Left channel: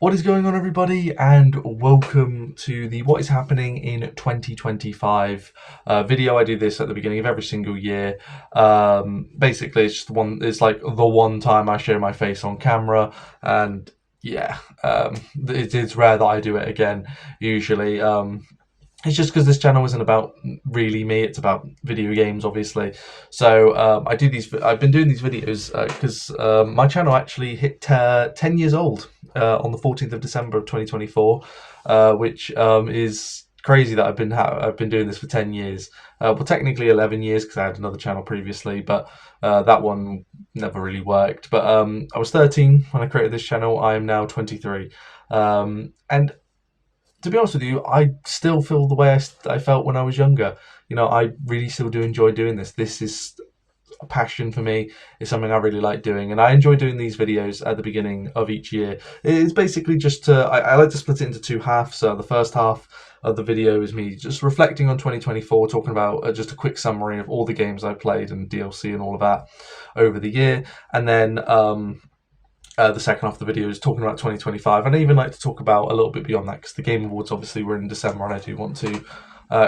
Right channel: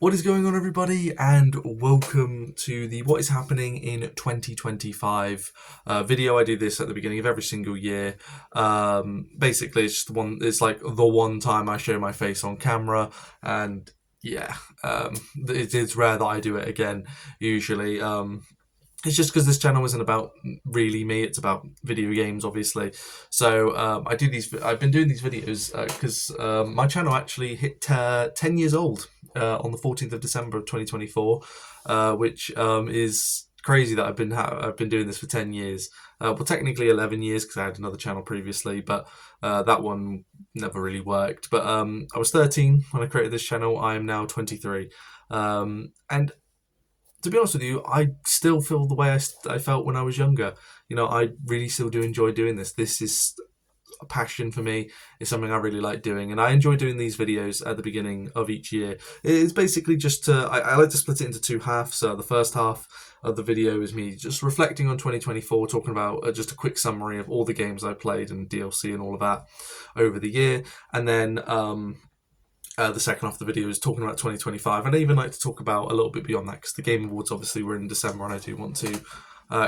What is going on, everybody, and welcome to the What is Happening in 2025 video. I do this at the beginning of every single year. Basically, it's just it's like the one time I show my face on camera, and yeah, it's rare that I do it again, usually. It's just because this channel isn't about really me; it's about video games, obviously. So I do these. I've been doing these videos because my channel actually hit 10 years old on the 14th of December of 2024, which is crazy that I've been doing this for 10 years. Well, technically 11 years because I had another channel previously, but that one never really worked. But I was 13 when I created this channel. I am now 23, and to be honest with you, I still feel the way I felt when I was younger. I really still do enjoy doing this. This is a passion for me. It's something I really like doing, and I enjoy doing these videos at the beginning of each year. It's basically I like to split it into two halves. So the first half of the video is me just reflecting on 2024, talking about just a quick summary of all the games I played and DLC and all of that over the year, and then the second half of the video is talking about 2025, and I even like to talk about a little bit beyond that because the Game Awards obviously were in December, and I do want to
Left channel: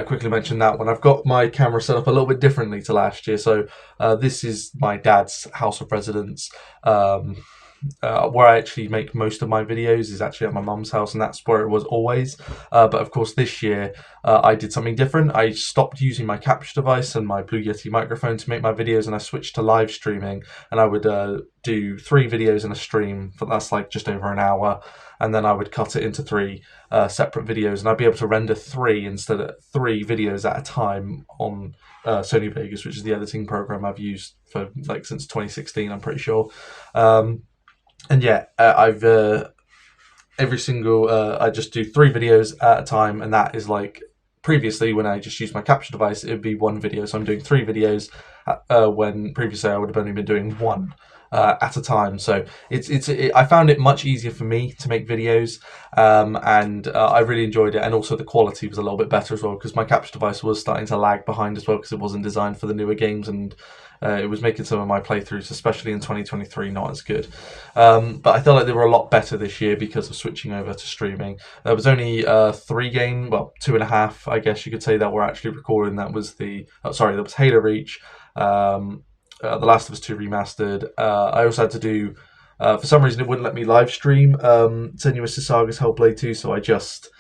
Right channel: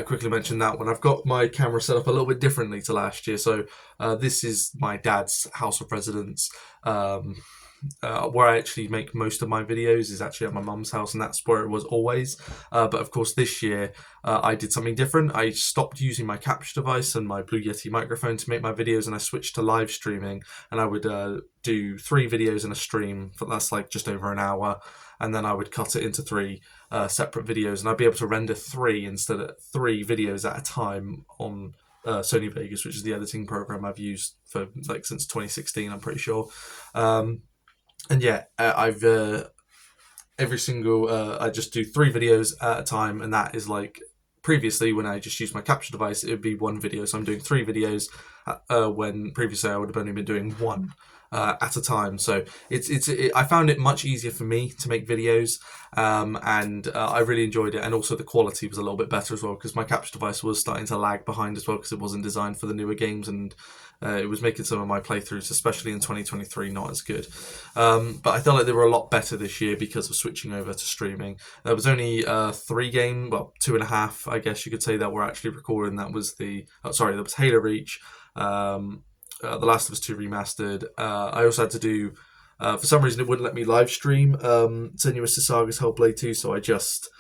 quickly mention that one. I've got my camera set up a little bit differently to last year, so this is my dad's house of residence. Where I actually make most of my videos is actually at my mum's house, and that's where it was always. But of course, this year I did something different. I stopped using my capture device and my Blue Yeti microphone to make my videos, and I switched to live streaming. And I would do 3 videos in a stream for that's like just over an hour, and then I would cut it into 3 separate videos, and I'd be able to render 3 videos at a time on Sony Vegas, which is the editing program I've used for like since 2016. I'm pretty sure. And yeah, I've every single I just do 3 videos at a time, and that is like previously when I just used my capture device, it would be 1 video. So I'm doing 3 videos when previously I would have only been doing one. At a time, so I found it much easier for me to make videos, and I really enjoyed it, and also the quality was a little bit better as well because my capture device was starting to lag behind as well because it wasn't designed for the newer games, and it was making some of my playthroughs, especially in 2023, not as good. But I felt like they were a lot better this year because of switching over to streaming. There was only 3 games, well, 2.5, I guess you could say, that were actually recording. That was that was Halo Reach, The Last of Us 2 Remastered. I also had to do, for some reason, it wouldn't let me live stream Senua's Saga's Hellblade 2, so I just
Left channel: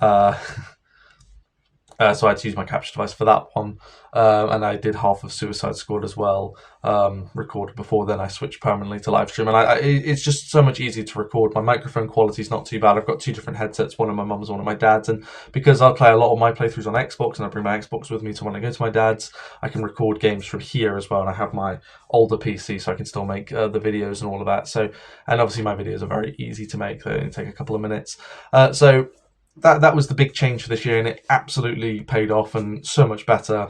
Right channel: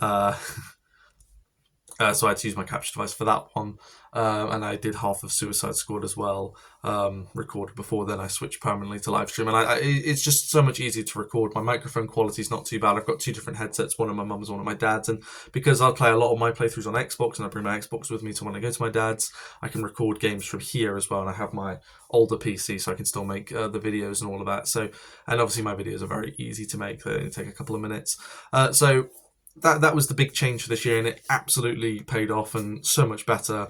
uh, so I had to use my capture device for that one, and I did half of Suicide Squad as well, recorded before. Then I switched permanently to live stream, and it's just so much easier to record. My microphone quality is not too bad. I've got 2 different headsets, one of my mum's, one of my dad's, and because I play a lot of my playthroughs on Xbox, and I bring my Xbox with me to when I go to my dad's, I can record games from here as well, and I have my older PC, so I can still make the videos and all of that. So, and obviously my videos are very easy to make; they only take a couple of minutes. So that was the big change for this year, and it absolutely paid off and so much better.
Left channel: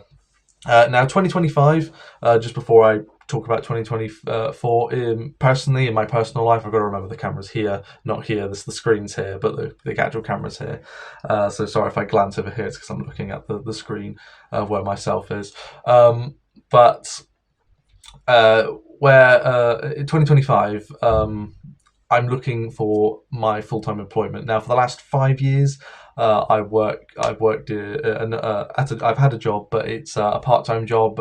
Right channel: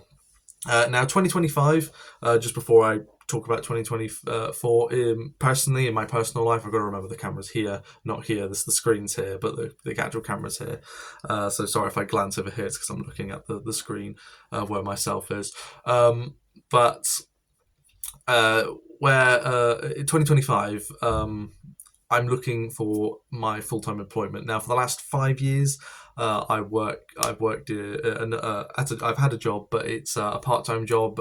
Now 2025, just before I talk about 2024, personally in my personal life, I've got to remember the camera's here, not here. The screen's here, but the actual camera's here. So sorry if I glance over here, it's because I'm looking at the screen where myself is. But where in 2025, I'm looking for my full-time employment. Now, for the last 5 years, I've worked I've had a job, but it's a part-time job.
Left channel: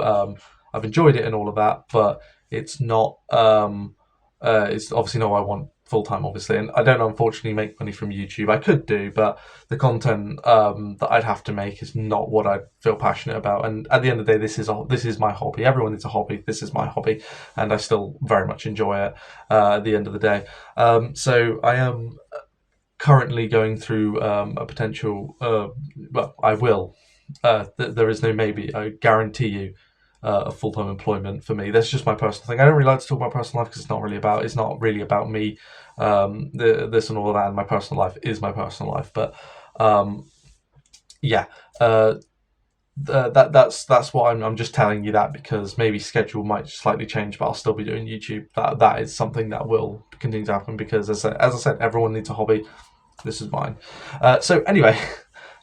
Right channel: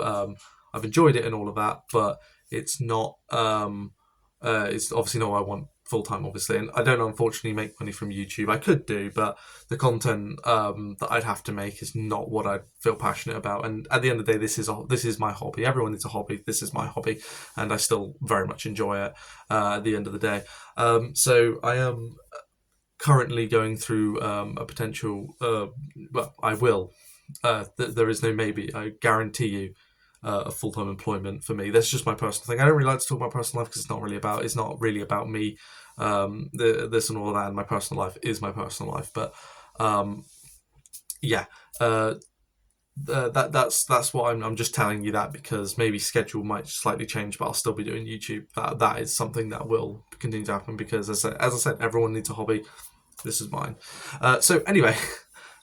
I've enjoyed it and all of that, but it's not. It's obviously not what I want full time, obviously, and I don't unfortunately make money from YouTube. I could do, but the content that I'd have to make is not what I feel passionate about. And at the end of the day, this is my hobby. Everyone needs a hobby. This is my hobby, and I still very much enjoy it. At the end of the day, so I am currently going through a potential. Well, I will. There is no maybe. I guarantee you a full time employment for me. That's just my personal thing. I don't really like to talk about personal life because it's not really about me. This and all of that. And my personal life is my personal life. But yeah, that's what I'm just telling you that because maybe schedule might slightly change, but I'll still be doing YouTube. That is something that will continue to happen because as I said, everyone needs a hobby. This is mine. So anyway,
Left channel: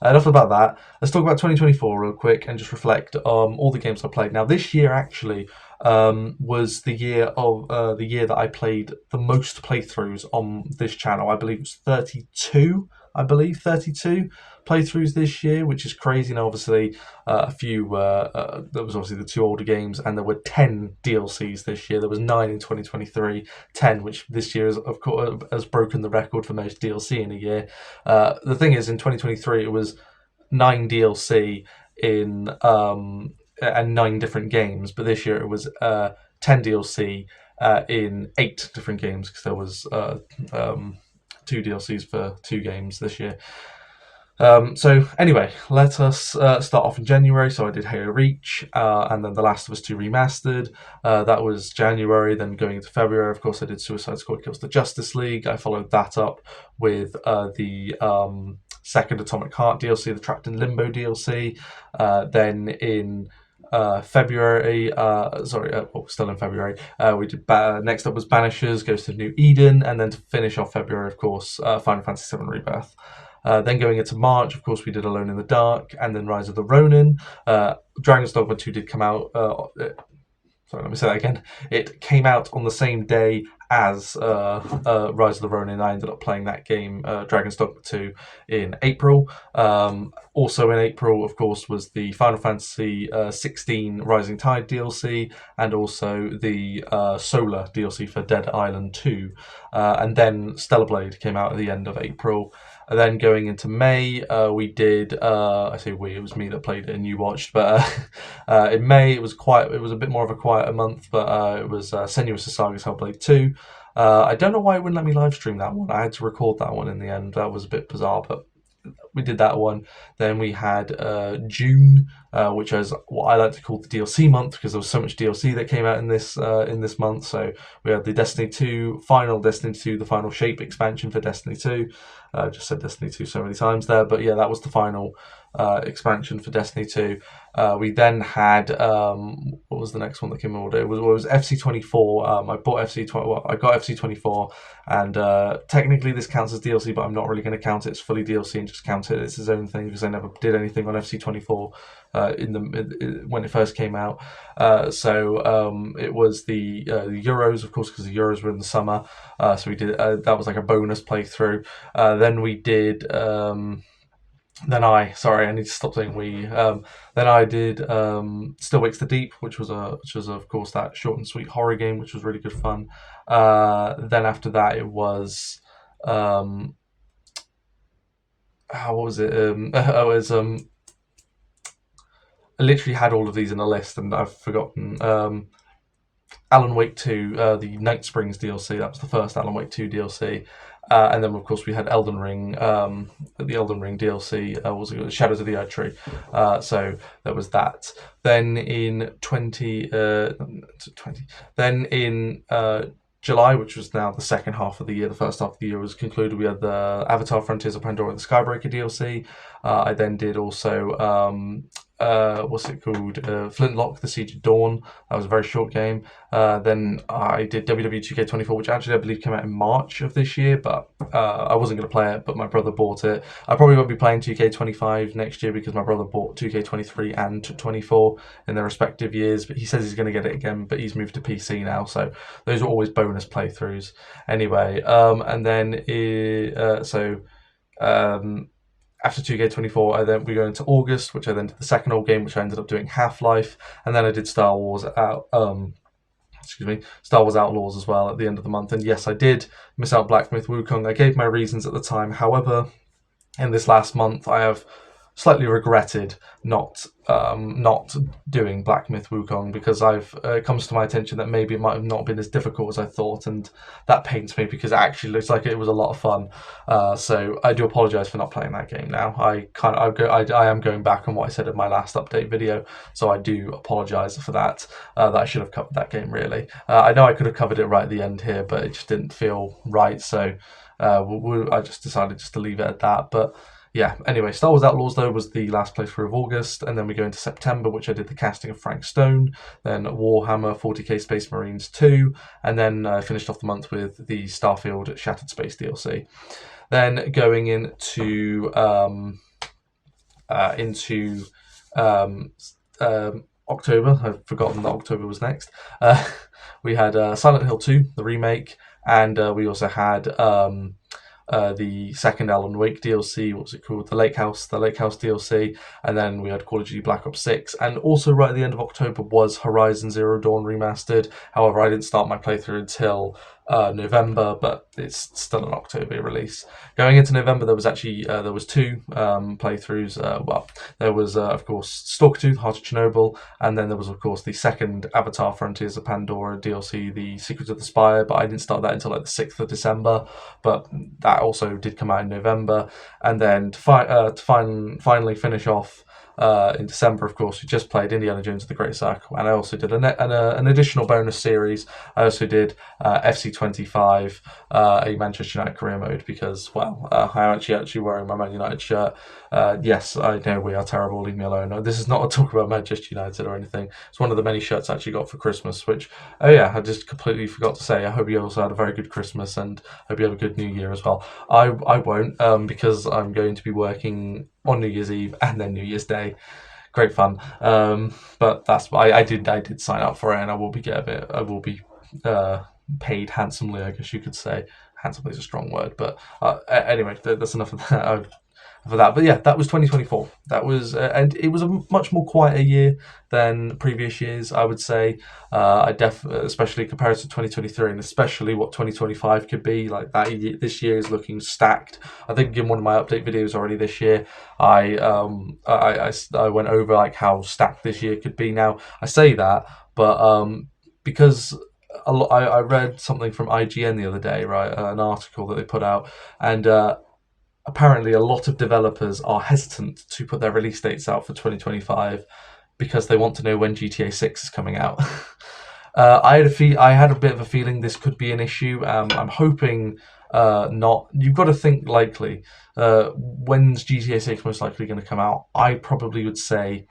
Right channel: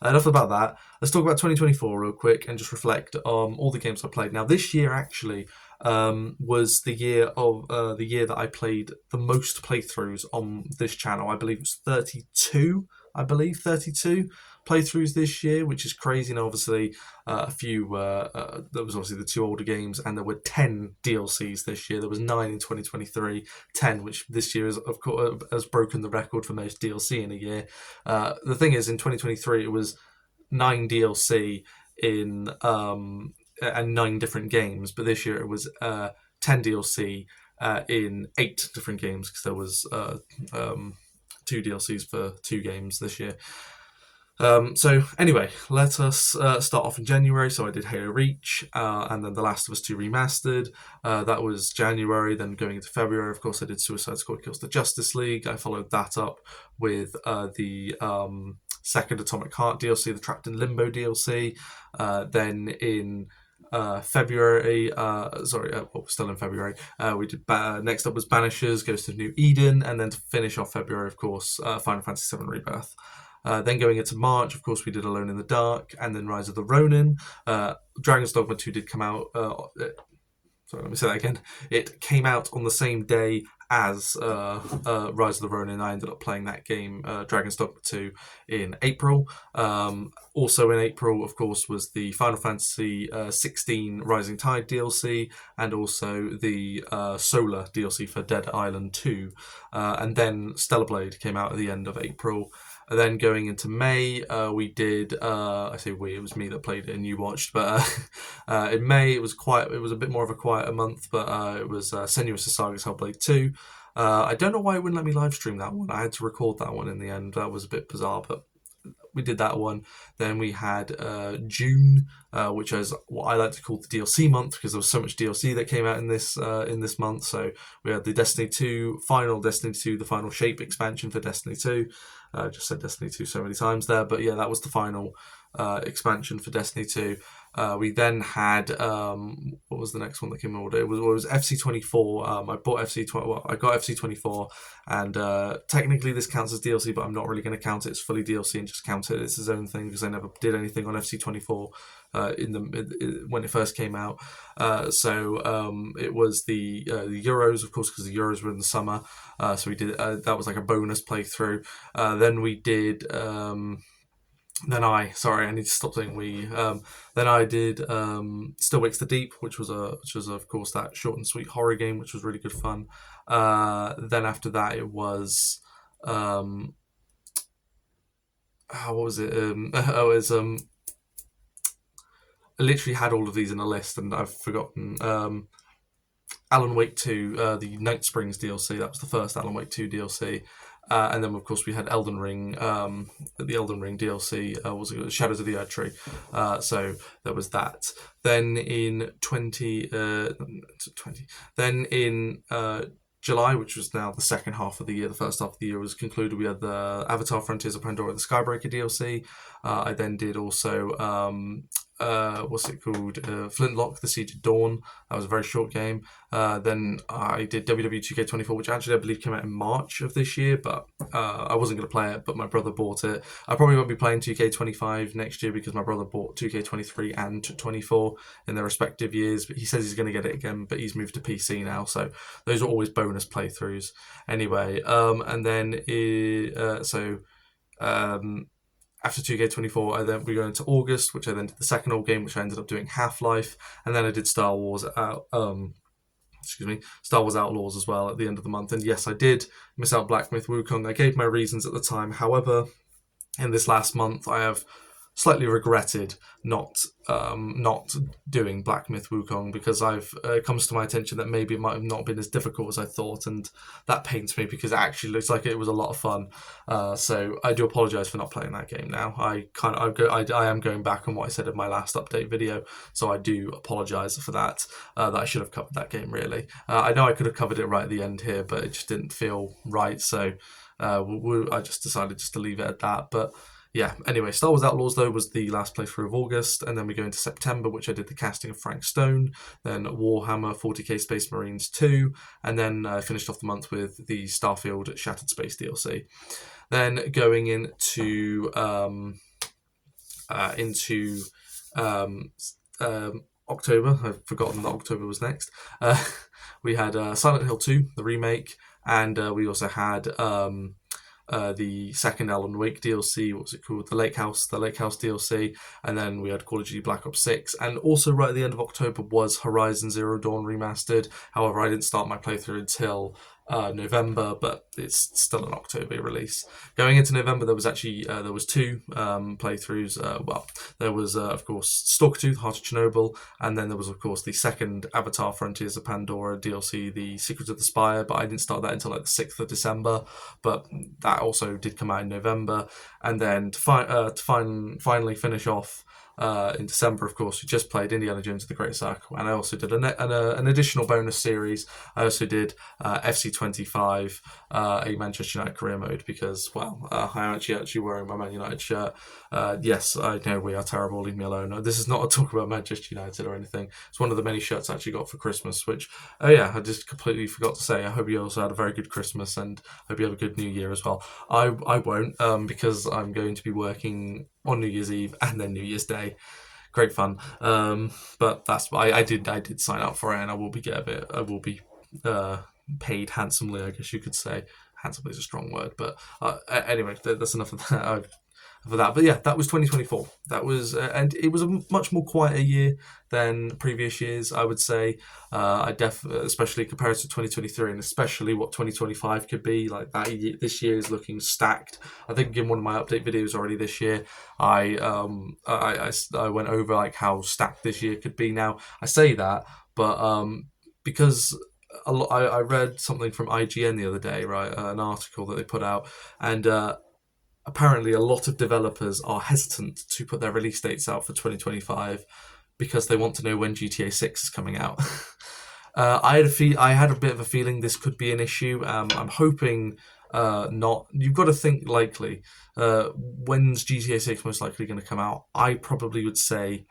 enough about that. Let's talk about 2024 real quick and just reflect on all the games I played. Now this year actually, was the year that I played the most playthroughs on this channel. I believe it was 32. I believe 32 playthroughs this year, which is crazy. And obviously, there was obviously the two older games, and there were 10 DLCs this year. There was 9 in 2023, 10, which this year is, of course, has broken the record for most DLC in a year. The thing is, in 2023, it was 9 DLC in and 9 different games, but this year it was 10 DLC in 8 different games, because there was 2 DLCs for 2 games this year. So anyway, let us start off in January. So I did Halo Reach, and then The Last of Us 2 Remastered. That was January. Then going into February, of course, I did Suicide Squad Kills the Justice League. I followed that up with the second Atomic Heart DLC, the Trapped in Limbo DLC. Then in February, still in February, we did next up was Banishers Goes to New Eden, and then to finish off February, of course, Final Fantasy VII Rebirth. Then going into March, of course, we did Alone in the Dark, and then Rise of the Ronin. Dragon's Dogma 2 did come out. Sorry, let me say that again. It came out on the same day as Rise of the Ronin. I ended up playing that game, Dragon's Dogma 2, in April. Also in April, of course, was the Final Fantasy 16 Rising Tide DLC, and also the Solar DLC for Dead Island 2. And then Stellar Blade came out at the end of April. And then going into May, we did. I say we; it was me that played it and you watched. But in May, it was a bit more of a quieter month. But it was Senua's Saga's Hellblade 2. I don't know why it wouldn't let me live stream that one. I had to record that one in the end. That was a bit bizarre, but we did that one. Then we had June, which is what I like to call the DLC month, because there was so much DLC that came out in this month. So we had the Destiny 2, the Final Shape expansion for Destiny 2. I just said Destiny 2 so many times there, but yeah, that was the final expansion for Destiny 2. We then had what was the next one that came in order? It was FC24. I bought I got FC24, and technically this counts as DLC, but I'm not really going to count it as fully DLC and just count it as its own thing, because I never did anything on FC24 when it first came out. So it was the Euros, of course, because the Euros were in the summer. So we did that was like a bonus playthrough. Then we did. I need to stop saying we. Then I did Still Wakes the Deep, which was of course that short and sweet horror game, which was really good fun. Then after that, it was what was it? I literally had all of these in a list, and I've forgotten. Alan Wake 2, the Night Springs DLC. That was the first Alan Wake 2 DLC. And then, of course, we had Elden Ring. The Elden Ring DLC was Shadows of the Erdtree. So there was that. Then in July, which was now the second half of the year, the first half of the year was concluded. We had the Avatar: Frontiers of Pandora and the Skybreaker DLC. I then did also what's it called? Flintlock: The Siege of Dawn. That was a very short game. Then I did WWE 2K24, which actually I believe came out in March of this year, but I wasn't going to play it, but my brother bought it. I probably won't be playing 2K25 next year, because my brother bought 2K23 and 24 in their respective years, but he says he's going to get it again, but he's moved to PC now, so those are always bonus playthroughs. Anyway, and then after 2K24, we go into August, which I then did the second old game, which I ended up doing Half-Life, and then I did Star Wars Outlaws as well at the end of the month. And yes, I did miss out Black Myth Wukong. I gave my reasons at the time. However, in this last month, I have slightly regretted not doing Black Myth Wukong, because it comes to my attention that maybe it might have not been as difficult as I thought, and that pains me, because it actually looks like it was a lot of fun. So I do apologise for not playing that game now. I am going back on what I said in my last update video, so I do apologise for that. That I should have covered that game, really. I know I could have covered it right at the end here, but it just didn't feel right, so I just decided just to leave it at that. But yeah, anyway, Star Wars Outlaws, though, was the last playthrough of August, and then we go into September, which I did the casting of Frank Stone, then Warhammer 40k Space Marines 2, and then I finished off the month with the Starfield Shattered Space DLC. Then going into October. I've forgotten that October was next. We had Silent Hill 2, the remake, and we also had the second Alan Wake DLC. What was it called? The Lake House DLC, and then we had Call of Duty Black Ops 6. And also, right at the end of October was Horizon Zero Dawn remastered. However, I didn't start my playthrough until November, but it's still an October release. Going into November, there was actually there was two playthroughs. There was of course Stalker 2, Heart of Chernobyl, and then there was of course the second Avatar: Frontiers of Pandora DLC, The Secret of the Spire. But I didn't start that until like the 6th of December. But that also did come out in November, and then to finally finish off. In December, of course, we just played Indiana Jones and the Great Circle, and I also did an additional bonus series. I also did FC25, a Manchester United career mode, because, well, I'm actually wearing my Man United shirt. Yes, I know we are terrible, leave me alone. No, this is not a talk about Manchester United or anything. It's one of the many shirts I actually got for Christmas, which, oh yeah, I just completely forgot to say. I hope you also had a very good Christmas, and hope you have a good New Year as well. I won't, because I'm going to be working on New Year's Eve and then New Year's Day. Great fun. But that's I did sign up for it, and I will be paid handsomely, I guess you could say. Handsomely is a strong word, but anyway, that's enough of that. For that, but yeah, that was 2024. That was, and it was a much more quieter year than previous years, I would say. Especially compared to 2023, and especially what 2025 could be like. This year is looking stacked. I think in one of my update videos already this year, I went over like how stacked this year could be. Now I say that, but because I read something from IGN the other day, right? An article that they put out, and apparently a lot of developers are hesitant to put their release dates out for 2025 because they want to know when GTA 6 is coming out. I had a bit of a feeling this could be an issue. I'm hoping not. You've got to think likely. When's GTA 6 most likely going to come out? I probably would say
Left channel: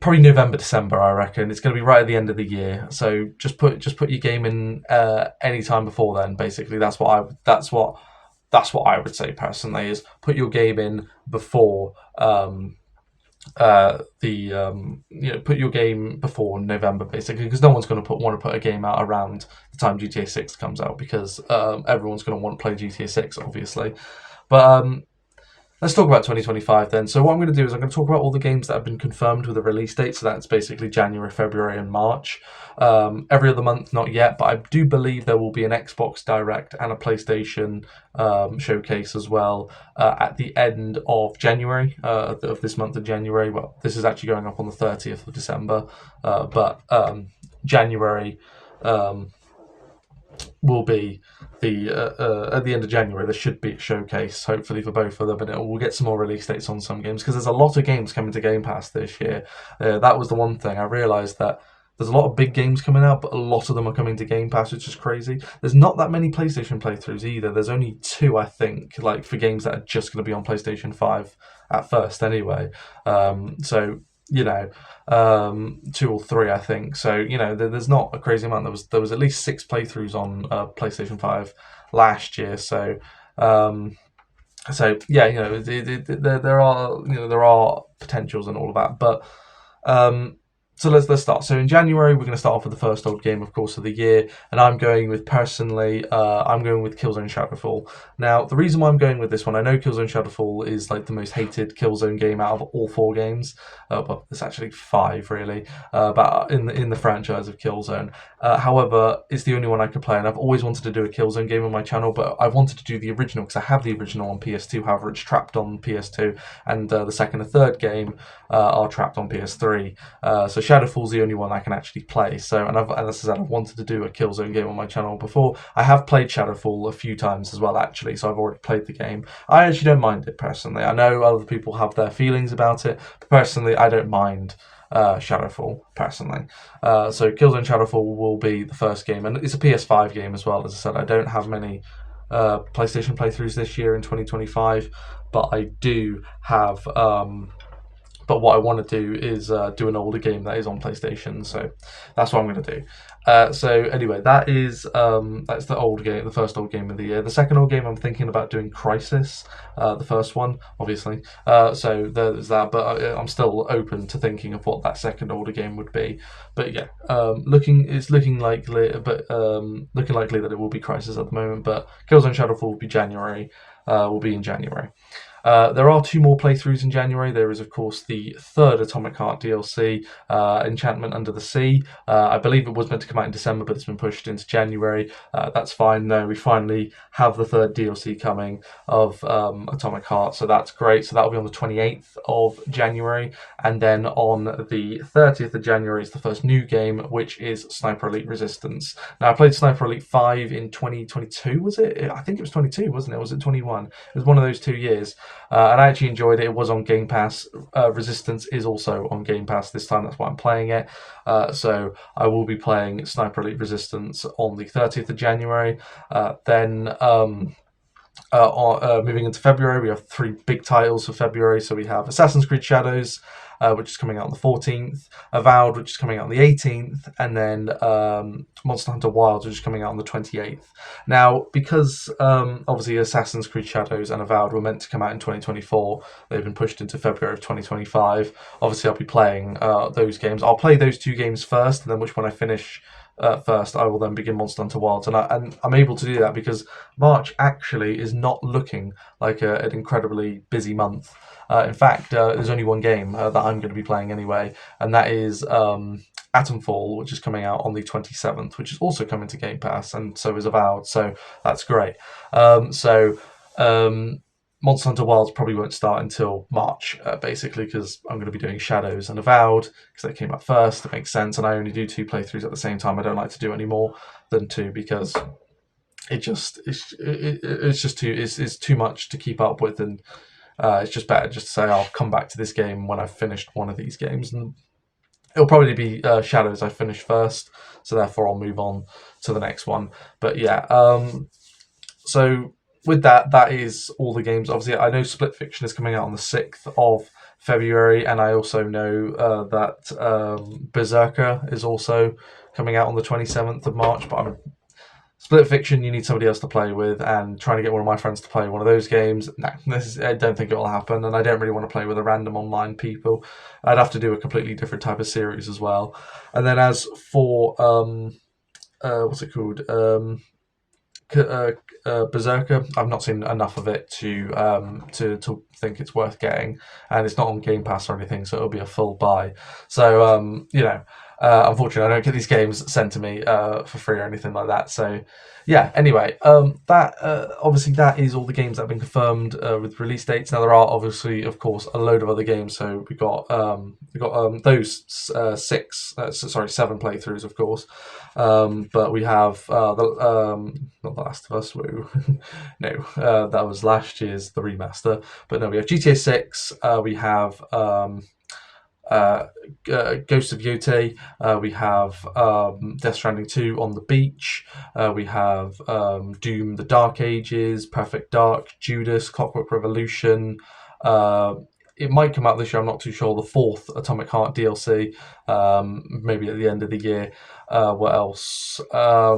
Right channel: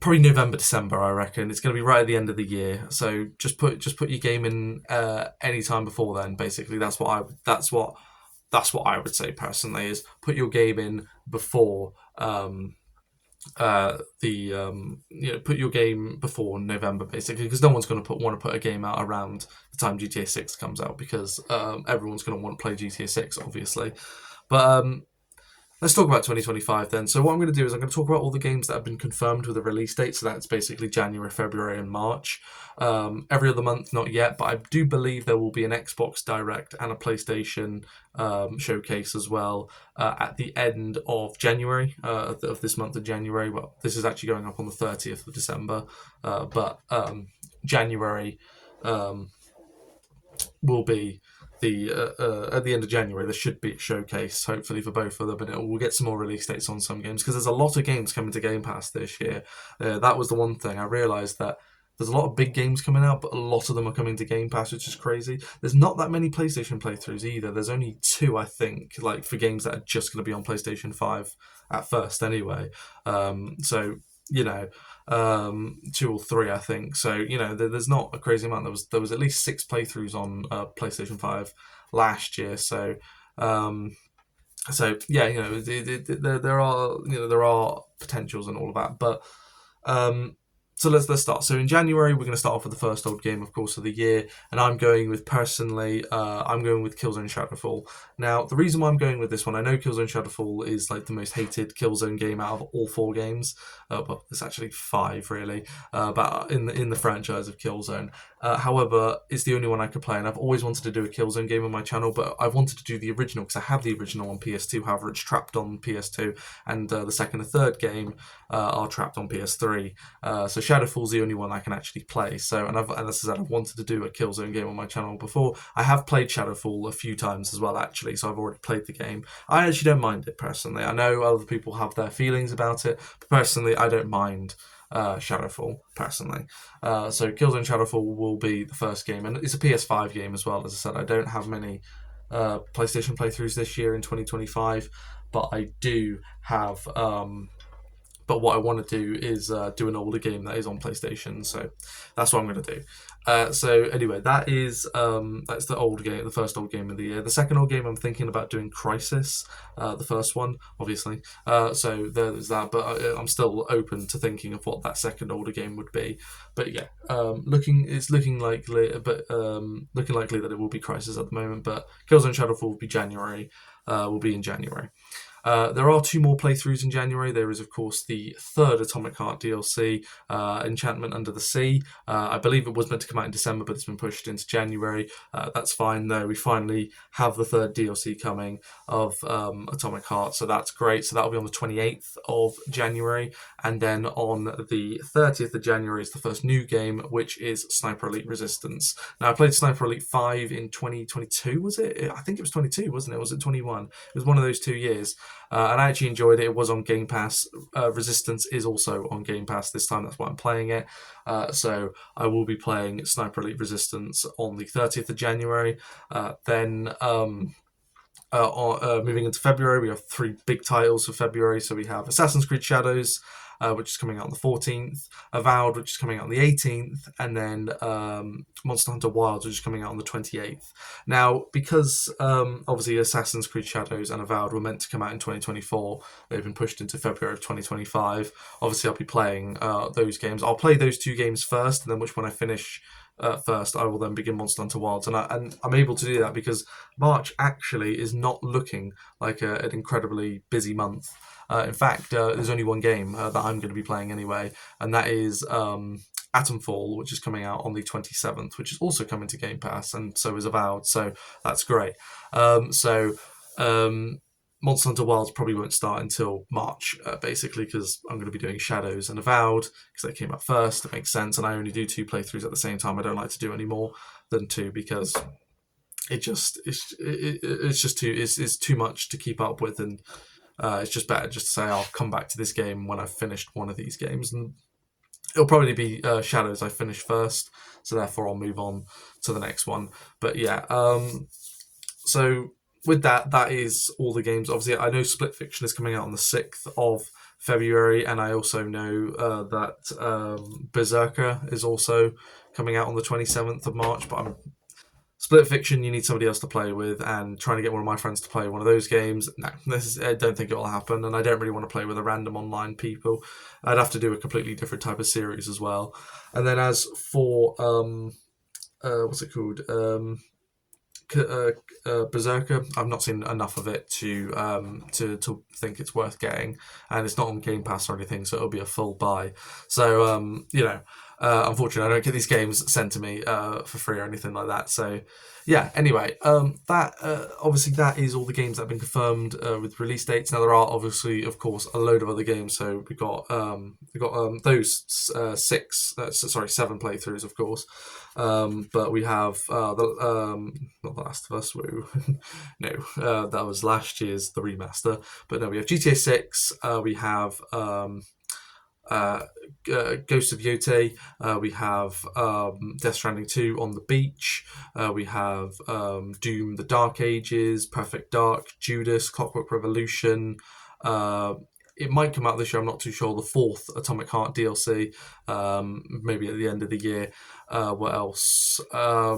probably November, December. I reckon it's going to be right at the end of the year. So just put your game in any time before then. Basically, that's what I would say personally, is put your game in before put your game before November, basically, because no one's going to want to put a game out around the time GTA 6 comes out, because everyone's going to want to play GTA 6, obviously. But let's talk about 2025 then. So what I'm going to do is I'm going to talk about all the games that have been confirmed with a release date. So that's basically January, February, and March. Every other month, not yet, but I do believe there will be an Xbox Direct and a PlayStation showcase as well at the end of January, of this month of January. Well, this is actually going up on the 30th of December, but January will be at the end of January. There should be a showcase, hopefully, for both of them, and we'll get some more release dates on some games, because there's a lot of games coming to Game Pass this year. That was the one thing I realised, that there's a lot of big games coming out, but a lot of them are coming to Game Pass, which is crazy. There's not that many PlayStation playthroughs either. There's only 2, I think, like for games that are just going to be on PlayStation 5 at first anyway. So, 2 or 3, I think. So, there's not a crazy amount. There was at least 6 playthroughs on PlayStation 5 last year. So, yeah, there are potentials and all of that, but so let's start. So in January, we're going to start off with the first old game, of course, of the year, and I'm going with Killzone Shadowfall. Now, the reason why I'm going with this one, I know Killzone Shadowfall is like the most hated Killzone game out of all 4 games. Well, there's actually 5 really, but in the franchise of Killzone. However, it's the only one I could play, and I've always wanted to do a Killzone game on my channel, but I wanted to do the original because I have the original on PS2. However, it's trapped on PS2, and the second and third game are trapped on PS3. So Shadowfall's the only one I can actually play. So, and as I said, I've wanted to do a Killzone game on my channel before. I have played Shadowfall a few times as well, actually, so I've already played the game. I actually don't mind it personally. I know other people have their feelings about it, but personally, I don't mind Shadowfall personally. So Killzone Shadowfall will be the first game, and it's a PS5 game as well. As I said, I don't have many PlayStation playthroughs this year in 2025, but I do have. But what I want to do is do an older game that is on PlayStation, so that's what I'm going to do. So anyway, that's the old game, the first old game of the year. The second old game, I'm thinking about doing Crisis, the first one, obviously. So there's that, but I'm still open to thinking of what that second older game would be. But yeah, looking likely, looking likely that it will be Crisis at the moment. But Killzone Shadowfall will be January. Will be in January. There are two more playthroughs in January. There is, of course, the third Atomic Heart DLC, Enchantment Under the Sea. I believe it was meant to come out in December, but it's been pushed into January. That's fine, though. We finally have the third DLC coming of Atomic Heart, so that's great. So that'll be on the 28th of January. And then on the 30th of January is the first new game, which is Sniper Elite Resistance. Now, I played Sniper Elite 5 in 2022, was it? I think it was 22, wasn't it? Or was it 21? It was one of those 2 years. And I actually enjoyed it. It was on Game Pass. Resistance is also on Game Pass this time. That's why I'm playing it. So I will be playing Sniper Elite Resistance on the 30th of January. Then moving into February, we have 3 big titles for February. So we have Assassin's Creed Shadows, which is coming out on the 14th, Avowed, which is coming out on the 18th, and then Monster Hunter Wilds, which is coming out on the 28th. Now, because obviously Assassin's Creed Shadows and Avowed were meant to come out in 2024, they've been pushed into February of 2025. Obviously, I'll be playing those games. I'll play those 2 games first, and then which one I finish first, I will then begin Monster Hunter Wilds, and I'm able to do that because March actually is not looking like an incredibly busy month. In fact, there's only one game that I'm going to be playing anyway, and that is Atomfall, which is coming out on the 27th, which is also coming to Game Pass, and so is Avowed, so that's great. Monster Hunter Wilds probably won't start until March, basically, because I'm going to be doing Shadows and Avowed, because they came out first. It makes sense, and I only do 2 playthroughs at the same time. I don't like to do any more than 2 because it's just too much to keep up with, and it's just better just to say I'll come back to this game when I've finished one of these games, and it'll probably be Shadows I finish first, so therefore I'll move on to the next one. But yeah, so with that is all the games. Obviously, I know Split Fiction is coming out on the 6th of February, and I also know that Berserker is also coming out on the 27th of March, but Split Fiction, you need somebody else to play with, and trying to get one of my friends to play one of those games, I don't think it will happen, and I don't really want to play with a random online people. I'd have to do a completely different type of series as well. And then as for what's it called? Berserker, I've not seen enough of it to think it's worth getting, and it's not on Game Pass or anything, so it'll be a full buy. So unfortunately, I don't get these games sent to me for free or anything like that. So yeah. Anyway, obviously that is all the games that have been confirmed with release dates. Now there are obviously, of course, a load of other games. So we got those 7 playthroughs, of course. But we have not The Last of Us. Woo. No, that was last year's the remaster. But no, we have GTA 6. We have Ghost of Yotei. We have Death Stranding 2 on the beach. We have Doom: The Dark Ages, Perfect Dark, Judas, Clockwork Revolution. It might come out this year. I'm not too sure. The 4th Atomic Heart DLC, maybe at the end of the year. What else? I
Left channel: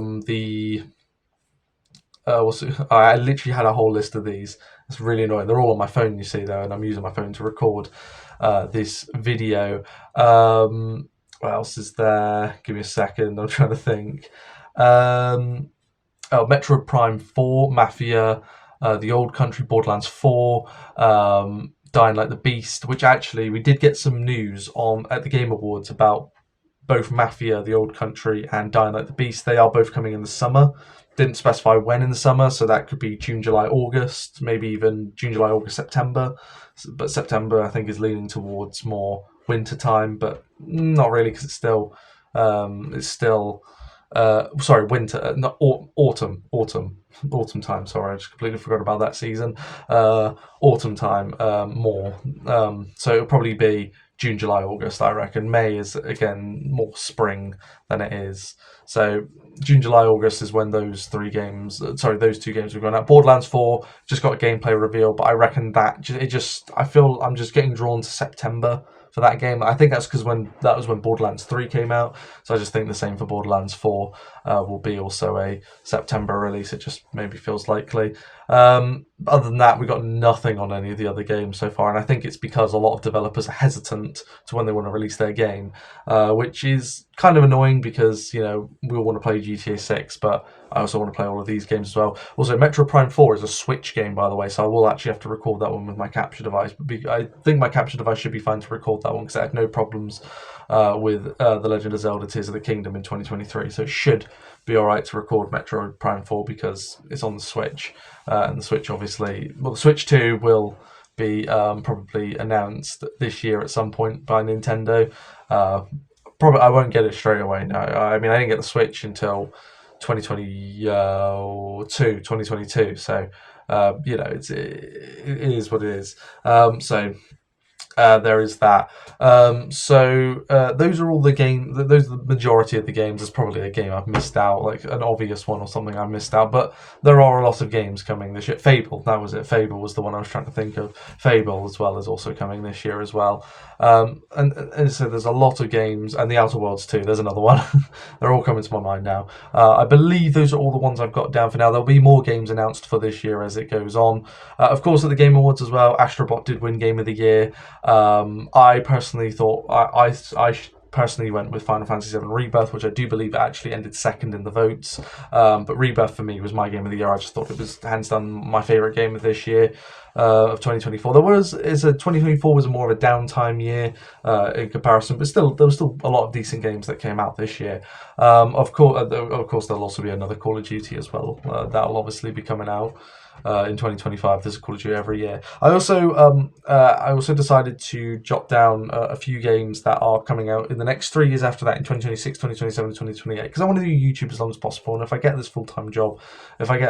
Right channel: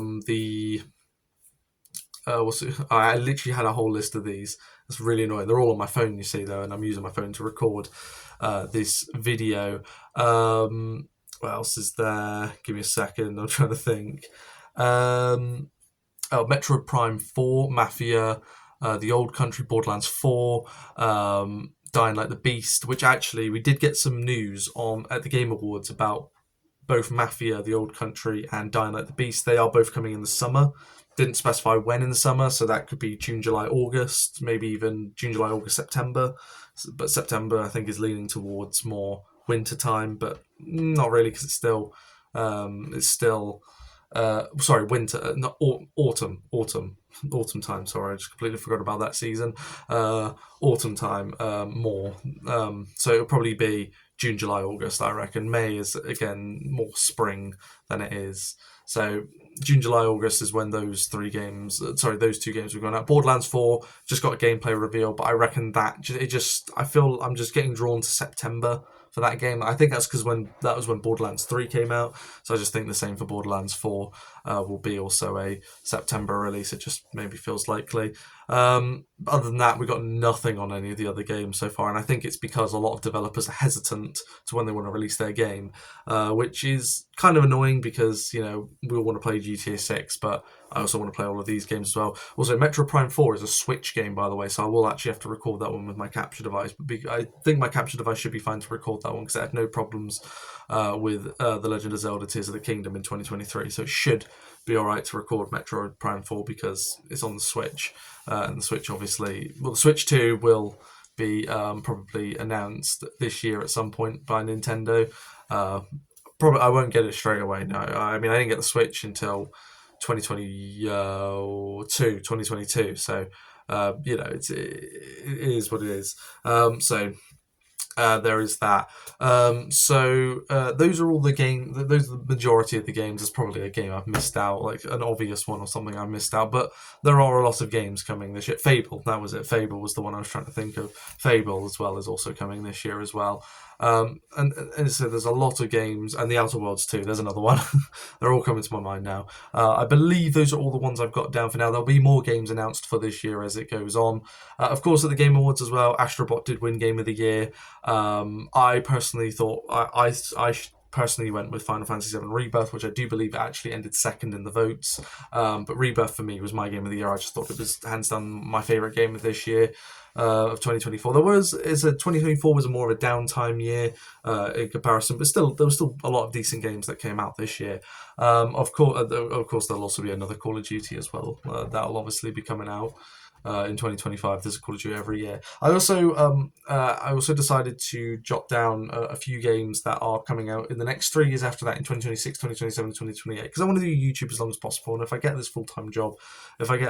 literally had a whole list of these. It's really annoying. They're all on my phone, you see, though, and I'm using my phone to record this video. What else is there? Give me a second. I'm trying to think. Metroid Prime 4, Mafia, The Old Country, Borderlands 4, Dying Like the Beast, which actually we did get some news on at the Game Awards about both Mafia, The Old Country, and Dying Like the Beast. They are both coming in the summer. Didn't specify when in the summer, so that could be June, July, August, maybe even June, July, August, September. But September, I think, is leaning towards more winter time, but not really, because it's still winter, not autumn time. Sorry, I just completely forgot about that season. Autumn time, more. So it'll probably be June, July, August, I reckon. May is, again, more spring than it is. So June, July, August is when those 2 games were going out. Borderlands 4 just got a gameplay reveal, but I reckon that I feel I'm just getting drawn to September for for that game. I think that's because that was when Borderlands 3 came out, so I just think the same for Borderlands 4 will be also a September release. It just maybe feels likely. Other than that, we got nothing on any of the other games so far, and I think it's because a lot of developers are hesitant to when they want to release their game, which is kind of annoying because we all want to play GTA 6, but I also want to play all of these games as well. Also, Metroid Prime 4 is a Switch game, by the way, so I will actually have to record that one with my capture device. But I think my capture device should be fine to record that one because I had no problems with The Legend of Zelda Tears of the Kingdom in 2023, so it should be alright to record Metroid Prime 4 because it's on the Switch. And the Switch, obviously, the Switch 2 will be probably announced this year at some point by Nintendo. Probably I won't get it straight away. No, I mean I didn't get the Switch until 2022. So it is what it is. So there is that. Those are all the game. Those are the majority of the games. There's probably a game I've missed out, like an obvious one or something I missed out. But there are a lot of games coming this year. Fable, that was it. Fable was the one I was trying to think of. Fable as well is also coming this year as well. And so there's a lot of games, and the Outer Worlds too. There's another one. They're all coming to my mind now. I believe those are all the ones I've got down for now. There'll be more games announced for this year as it goes on. Of course, at the Game Awards as well, Astrobot did win Game of the Year. I personally thought I personally went with Final Fantasy VII Rebirth, which I do believe actually ended second in the votes. But Rebirth for me was my game of the year. I just thought it was hands down my favorite game of this year, of 2024. 2024 was more of a downtime year in comparison, but still there was still a lot of decent games that came out this year. Of course, there'll also be another Call of Duty as well. That'll obviously be coming out. In 2025, there's a Call of Duty every year. I also decided to jot down a few games that are coming out in the next 3 years after that, in 2026, 2027, 2028, because I want to do YouTube as long as possible. And if I get this full-time job, it's not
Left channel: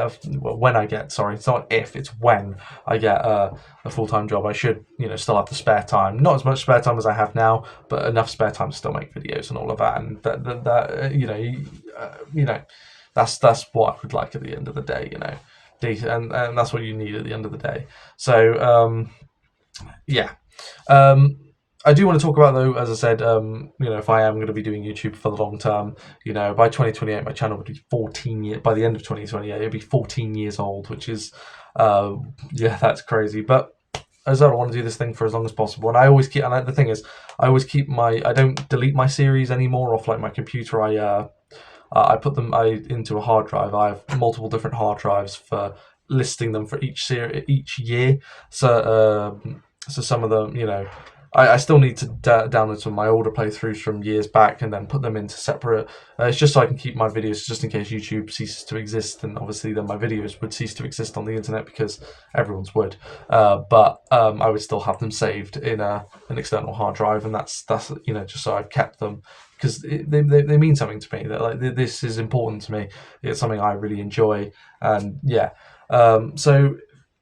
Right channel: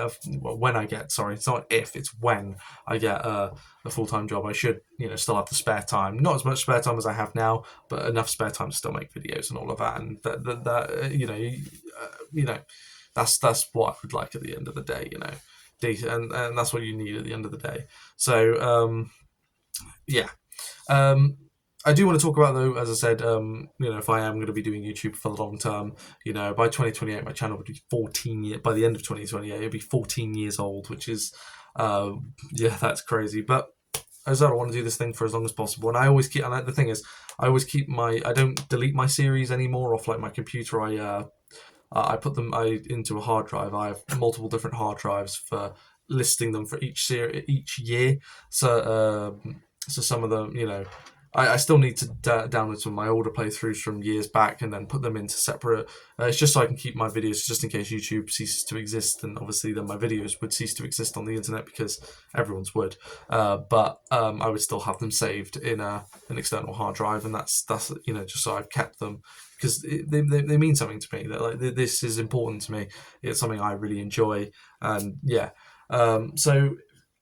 if, it's when I get a full-time job, I should still have the spare time, not as much spare time as I have now, but enough spare time to still make videos and all of that. And that's what I would like at the end of the day. And that's what you need at the end of the day. So I do want to talk about, though, as I said, if I am going to be doing YouTube for the long term, by 2028 my channel would be 14 years. By the end of 2028 it'd be 14 years old, which is that's crazy. But as I want to do this thing for as long as possible, and I always keep, and the thing is, I don't delete my series anymore off like my computer. I put them into a hard drive. I have multiple different hard drives for listing them for each year. So some of them, I still need to download some of my older playthroughs from years back and then put them into separate. It's just so I can keep my videos, just in case YouTube ceases to exist, and obviously then my videos would cease to exist on the internet because everyone's would. But I would still have them saved in an external hard drive, and that's just so I've kept them, because they mean something to me. That like this is important to me. It's something I really enjoy, and so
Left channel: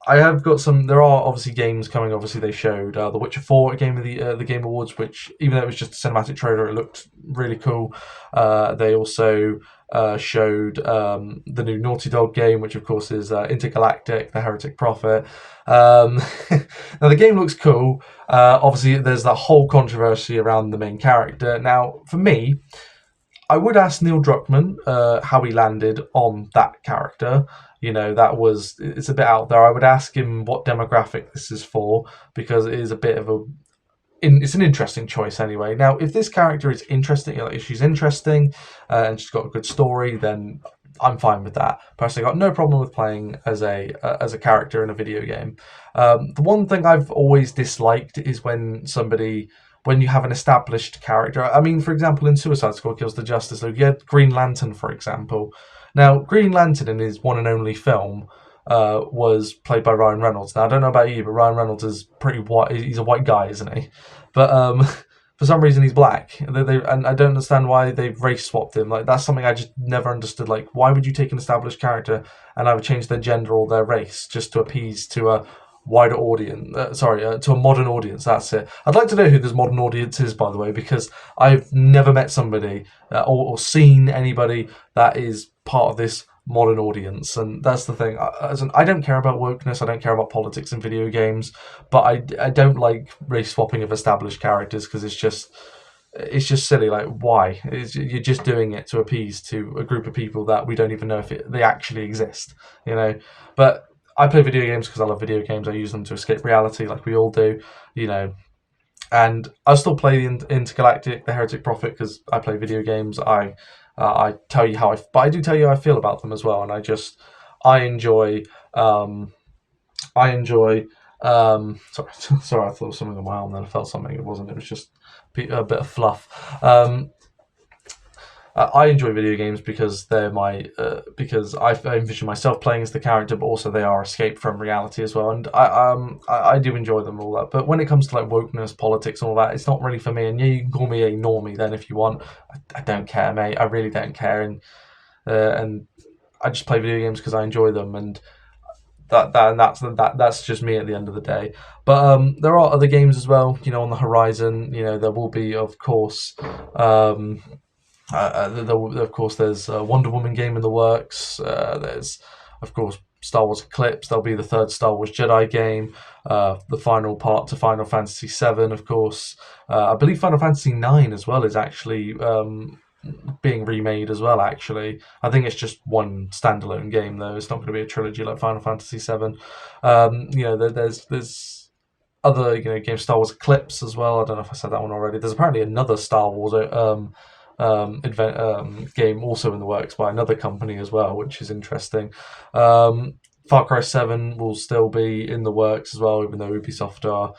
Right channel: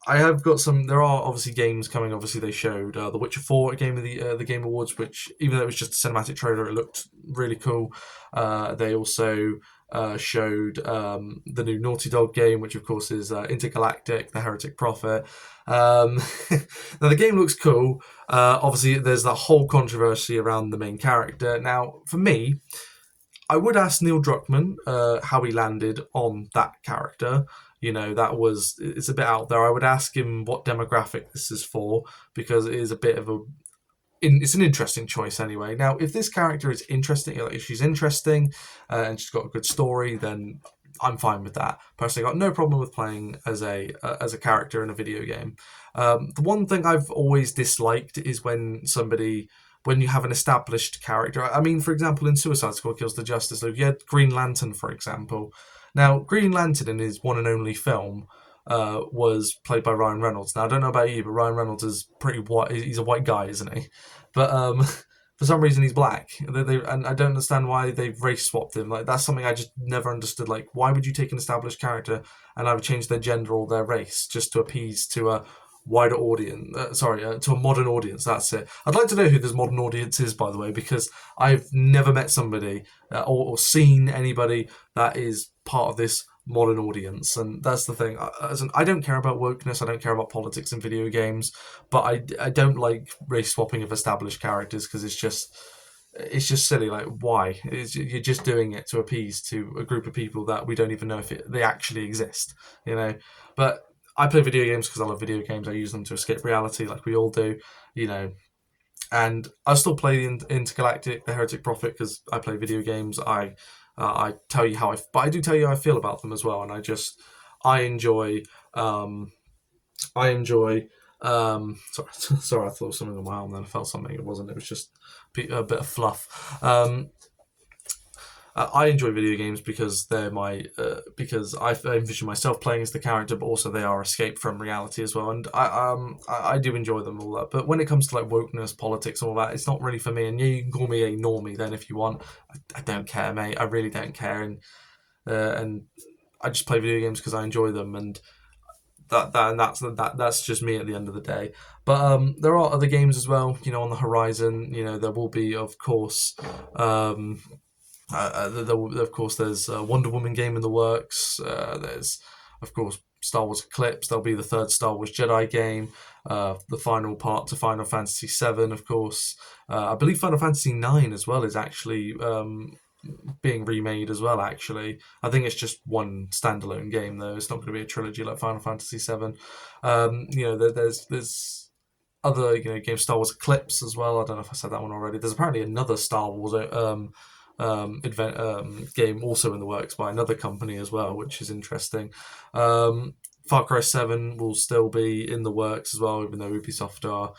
I have got some. There are obviously games coming. Obviously, they showed The Witcher 4 at the Game Awards, which, even though it was just a cinematic trailer, it looked really cool. They also showed the new Naughty Dog game, which of course is Intergalactic: The Heretic Prophet. Now the game looks cool. Obviously, there's that whole controversy around the main character. Now, for me, I would ask Neil Druckmann how he landed on that character. It's a bit out there. I would ask him what demographic this is for, because it is a bit of it's an interesting choice anyway. Now, if this character is interesting, if she's interesting and she's got a good story, then I'm fine with that. Personally, I got no problem with playing as a character in a video game. The one thing I've always disliked is when you have an established character. I mean, for example, in Suicide Squad Kills the Justice League, you had Green Lantern, for example. Now, Green Lantern in his one and only film was played by Ryan Reynolds. Now, I don't know about you, but Ryan Reynolds is pretty white. He's a white guy, isn't he? But for some reason, he's black. And I don't understand why they've race swapped him. Like, that's something I just never understood. Like, why would you take an established character and either change their gender or their race just to appease to a wider audience? To a modern audience. That's it. I'd like to know who this modern audience is, by the way, because I've never met somebody or seen anybody that is part of this modern audience, and that's the thing. I don't care about wokeness. I don't care about politics in video games, but I don't like race swapping of established characters because it's just silly. Like, why? You're just doing it to appease to a group of people that we don't even know if they actually exist. You know, but I play video games because I love video games. I use them to escape reality, like we all do. You know, and I still play Intergalactic, the Heretic Prophet, because I play video games. I tell you but I do tell you how I feel about them as well, and I enjoy um, I enjoy. Sorry, sorry, I thought something on my arm, then I felt something. It wasn't. It was just a bit of fluff. I enjoy video games because they're because I envision myself playing as the character, but also they are escape from reality as well. And I do enjoy them all that. But when it comes to like wokeness, politics, and all that, it's not really for me. And yeah, you can call me a normie then if you want. I don't care, mate. I really don't care. And I just play video games because I enjoy them, and that's just me at the end of the day. But there are other games as well, on the horizon. There will be, of course. Of course, there's a Wonder Woman game in the works. There's, of course, Star Wars Eclipse. There'll be the third Star Wars Jedi game. The final part to Final Fantasy VII, of course. I believe Final Fantasy IX as well is actually being remade as well. Actually, I think it's just one standalone game though. It's not going to be a trilogy like Final Fantasy VII. There's other games, Star Wars Eclipse as well. I don't know if I said that one already. There's apparently another Star Wars game also in the works by another company as well, which is interesting. Far Cry 7 will still be in the works as well, even though Ubisoft are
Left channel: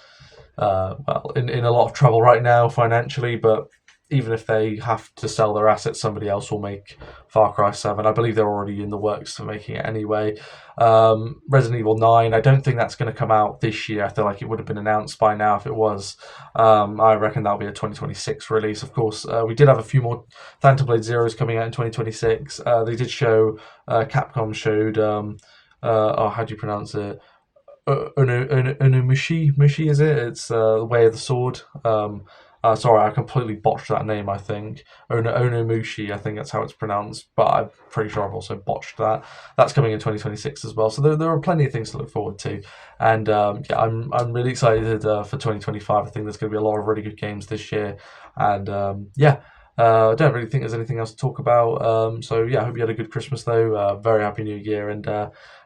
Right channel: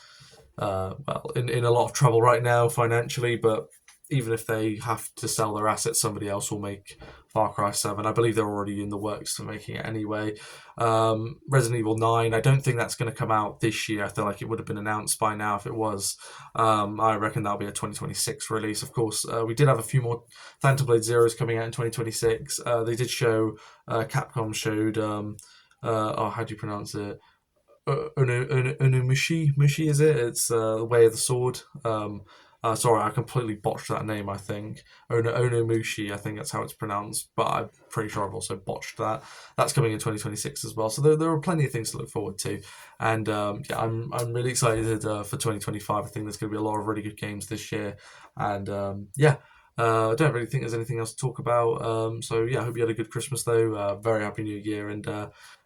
in a lot of trouble right now financially. But even if they have to sell their assets, somebody else will make Far Cry 7. I believe they're already in the works for making it anyway. Resident Evil 9, I don't think that's going to come out this year. I feel like it would have been announced by now if it was. I reckon that'll be a 2026 release. Of course, we did have a few more Phantom Blade Zeros coming out in 2026. They did show, Capcom showed, how do you pronounce it? Mushi, is it? It's the Way of the Sword. Sorry, I completely botched that name, I think. Onomushi, I think that's how it's pronounced, but I'm pretty sure I've also botched that. That's coming in 2026 as well, so there are plenty of things to look forward to. And yeah, I'm really excited for 2025. I think there's going to be a lot of really good games this year. And yeah, I don't really think there's anything else to talk about. So yeah, I hope you had a good Christmas though. Very happy New Year, and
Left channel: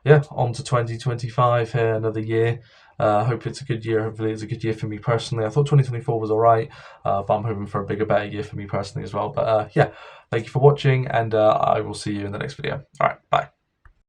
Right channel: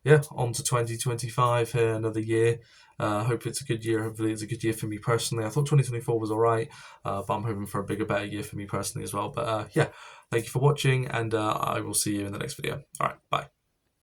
yeah, on to 2025 here, another year. Hope it's a good year. Hopefully, it's a good year for me personally. I thought 2024 was all right, but I'm hoping for a bigger, better year for me personally as well. But yeah, thank you for watching, and I will see you in the next video. All right, bye.